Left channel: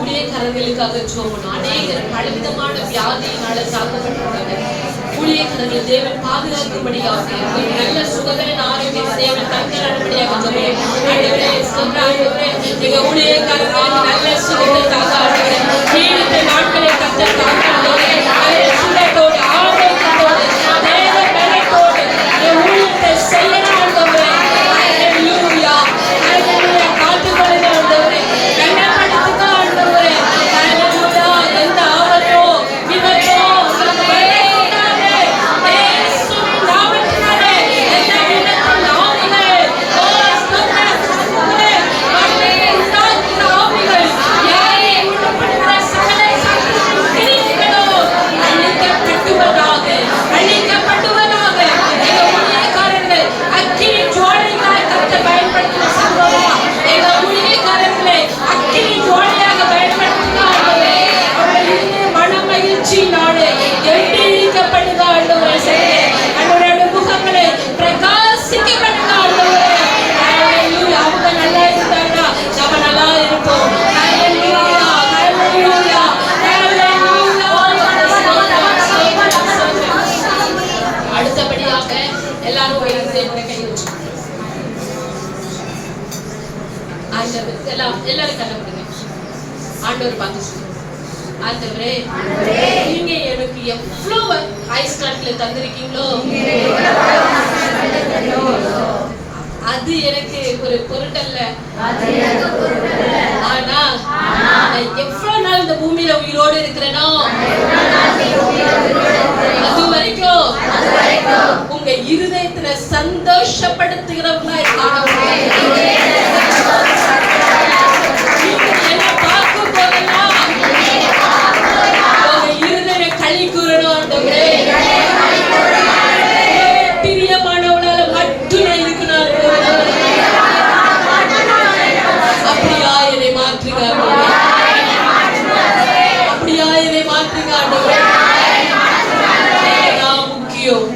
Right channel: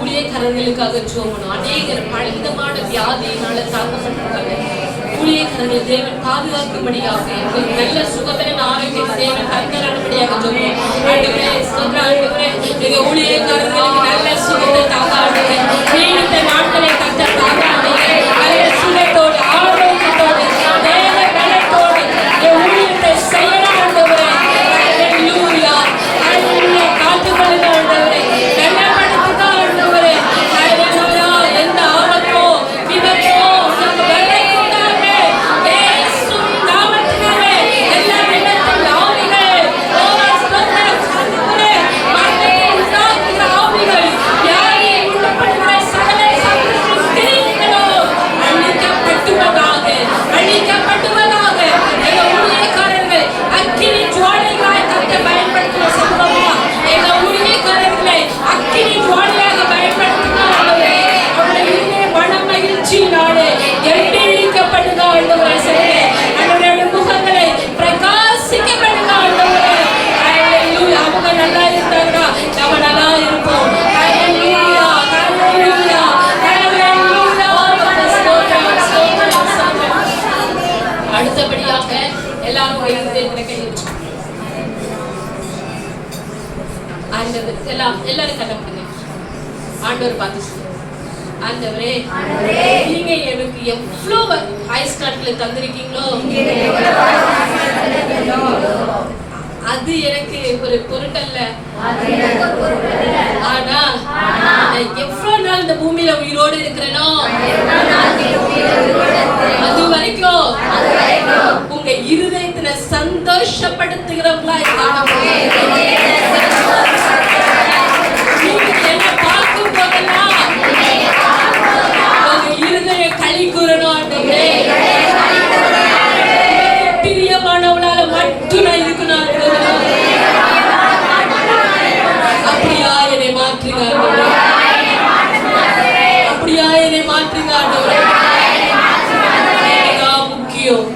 ஊழியக்காரர்களுக்காக ஜெபம். அநேகர் பலவிதமான வியாதியினால தாக்கப்பட்டிருக்காங்க. ஊழியக்காரர்கள் தேவன் பாதுகாக்கும்படியாக நல்ல சுகபலன் ஆரோக்கியம் தேவன் தந்தரும்படியாக ஜெபம். ஆண்டவரே ஸ்தோத்திரம். ஆண்டவரே எங்க ஊழியக்காரர்களுக்கு நல்ல சுகத்தை தாங்க. ஆண்டவரே நீண்ட நாட்களை கர்த்தர் தாங்க. ஆண்டவரே நல்ல சுகத்தோடு ஆரோக்கியத்தோடு தேவ பலத்தோடு என் ஊழியத்தை செய்யணும். ஆண்டவரே ஹல்லேலூயா ஹல்லேலூயா காத்துக்கொள்ளுங்க. ஆண்டவரே நல்லபடுத்துங்க. ஆண்டவரே ஹல்லேலூயா எந்த ஆபத்தோ விபத்தோ உங்களுக்கு வரக்கூடாது. இயேசுவின் நாமத்தினாலே எல்லா விபத்தின் ஆவிகள் மரணத்தை உண்டாக்குகிற ஆவிகள் யாரை உண்டுபடுகிற சகல சத்துருவின் கிரியைகளும் அழிக்கப்படுவதாக அழிக்கப்படுவதாக. எங்க ஊழியக்காரர்கள் அக்கினி ஜுவாலைகளாய் கர்த்தர் பயன்படுத்தின சம்பவமா எங்க ஊழியக்காரர்களை அக்கினி ஜுவாலையாக பயன்படுத்துங்க. ஆண்டவரே அவருடைய இருதய மன மகிழ்ச்சியினாலே எண்ணெயிக்கப்படுங்க. ஆண்டவரே சரி அவருடைய முகங்களை பிரகாசிக்க பண்ணுங்க. ஆண்டவரே ஹல்லேலூயா. அவங்க நல்லா இருந்தாங்கன்னா நம்ம நல்லா இருப்போம். ஹல்லேலூயா ஹல்லேலூயா ஹல்லேலூயா. ஸ்தோத்திரம் ஸ்தோத்திரம் ஸ்தோத்திரம். அடுத்தபடியாக எல்லாரும் வைத்து கையில் ஆண்டவர் எல்லாரும் கண்ணப்படுங்க. ஆண்டவர் பார்த்து சொல்லுங்க. ஆண்டவரே நீங்க எனக்கு எவ்வளவு ஐஸ்காட்ல தந்திருக்கீங்களோ அது எனக்கு ஒரு பொருட்டல்ல. ஆனா எவ்வளவு நாள் இந்த பூமியில உயிரோடு இருக்கிறேனோ அது வரைக்கும் உங்க இருதயத்துல சந்தோஷப்படுத்துகிறவங்களா இருக்காங்க. நீங்க என்ன பார்க்கும் போதெல்லாம் உங்க இருதய களி கூறணும். ஆண்டவரே பிரியமானவளால மட்டும் நான் இருக்கணும். அப்படியா என்னை மாற்றுங்க. ஆண்டவரே அப்படியா என்னை மாற்றுங்க. ஆண்டவரே நான் முக்கியம்.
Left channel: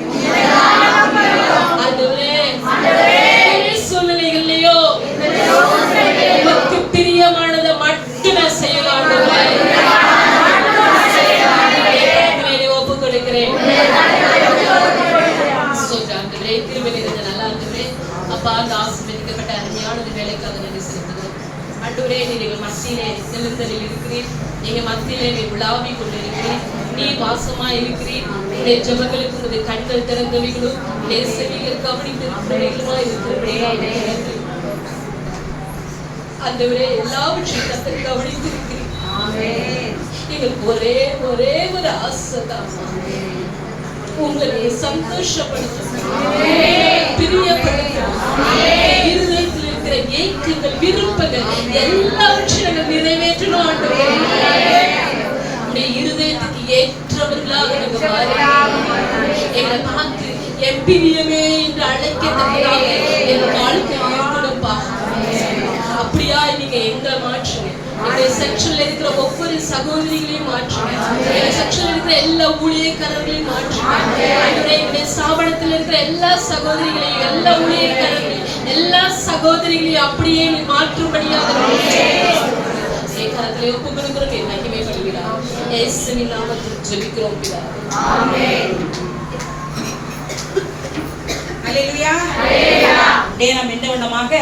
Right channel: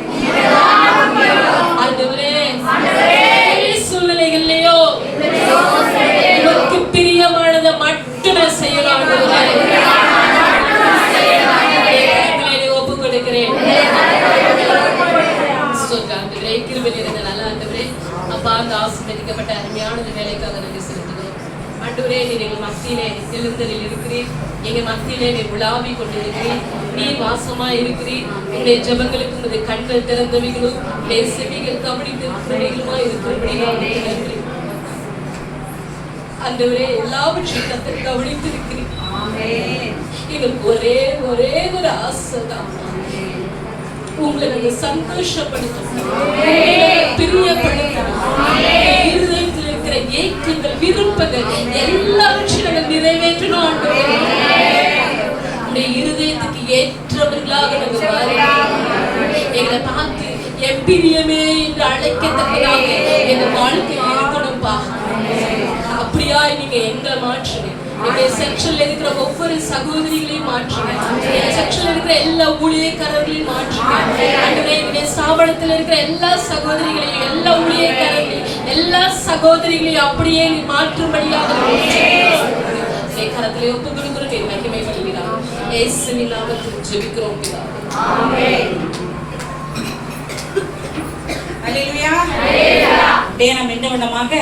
ஆண்டவரே சூழ்நிலைகள்லயோ உனக்கு பிரியமானதை மட்டும் நான் செய்யலாம். ஆண்டவரே ஒப்பு கொடுக்கிறேன். அப்பா அந்த ஆசீர்வதிக்கப்பட்ட அருமையான வேலைக்காக நன்றி செலுத்துகிறோம். ஆண்டவரே நீர் எங்கள் மத்தியிலே எழுந்தரில் இருக்கிறீர். எங்க மத்தியிலே நீர் உலாவி கொண்டிருக்கிறீர். நீர் வாசமா இருக்கிறீர். உடைய ஜபங்களுக்கு உங்களுடைய கண்கள் திறந்தவைகளும் உடைய செவிகள் கவனித்திருக்கிறவைகளுமா இருக்கிறபடியாக ஆண்டவரே எல்லாவற்றையும் கர்த்தர் கவனித்திருக்கிறீர். எங்களுக்கு ஒரே ஒரே ஒரு ஆசைதான் உங்களை நாங்கள் சந்தோஷப்படுத்தணும், பிரியப்படுத்தணும். இருதயத்தில் இருக்கிற ஏக்கங்கள் விருப்பங்கள் எல்லாவற்றையும் நாங்கள் நிறைவேற்றணும். ஆண்டவரே உடைய இருதயத்துக்கு ஏற்றவர்களாக நாங்கள் மாறணும். எங்களை பார்த்து எம்பிரியமே என்று அழைக்க வைக்கத்தக்கதாக எங்க வாழ்க்கையில் இருக்கணும்பா. அப்படியா நீங்க எங்களை மாற்றுங்க. எங்க செக்ஷன்ல இருக்கிற ஒவ்வொரு சகோதரிகளையும் மாற்றுங்க. எங்க செக்ஷன்ல இருக்கிற எல்லா ஊழியக்காரர்களையும் மாற்றுங்க. ஆண்டவரே, எங்களுடைய ஸ்தாபனத்தில் இருக்கிற எல்லா சகோதரிகளையும், எல்லா ஊழியக்காரர்களையும், எல்லா சகோதரிகளையும் அப்படியே நீ மாற்றும்படியாக கரத்திலே ஒப்பு கொடுக்கிறோம். நீ மகிமைப்படுகிறார். இயேசுவின் நாமத்தில் ஜெபிக்கிறோம் பிதாவே. ஆமென். அல்லேலூயா. அல்லேலூயா. நாம் என்ன விதமாக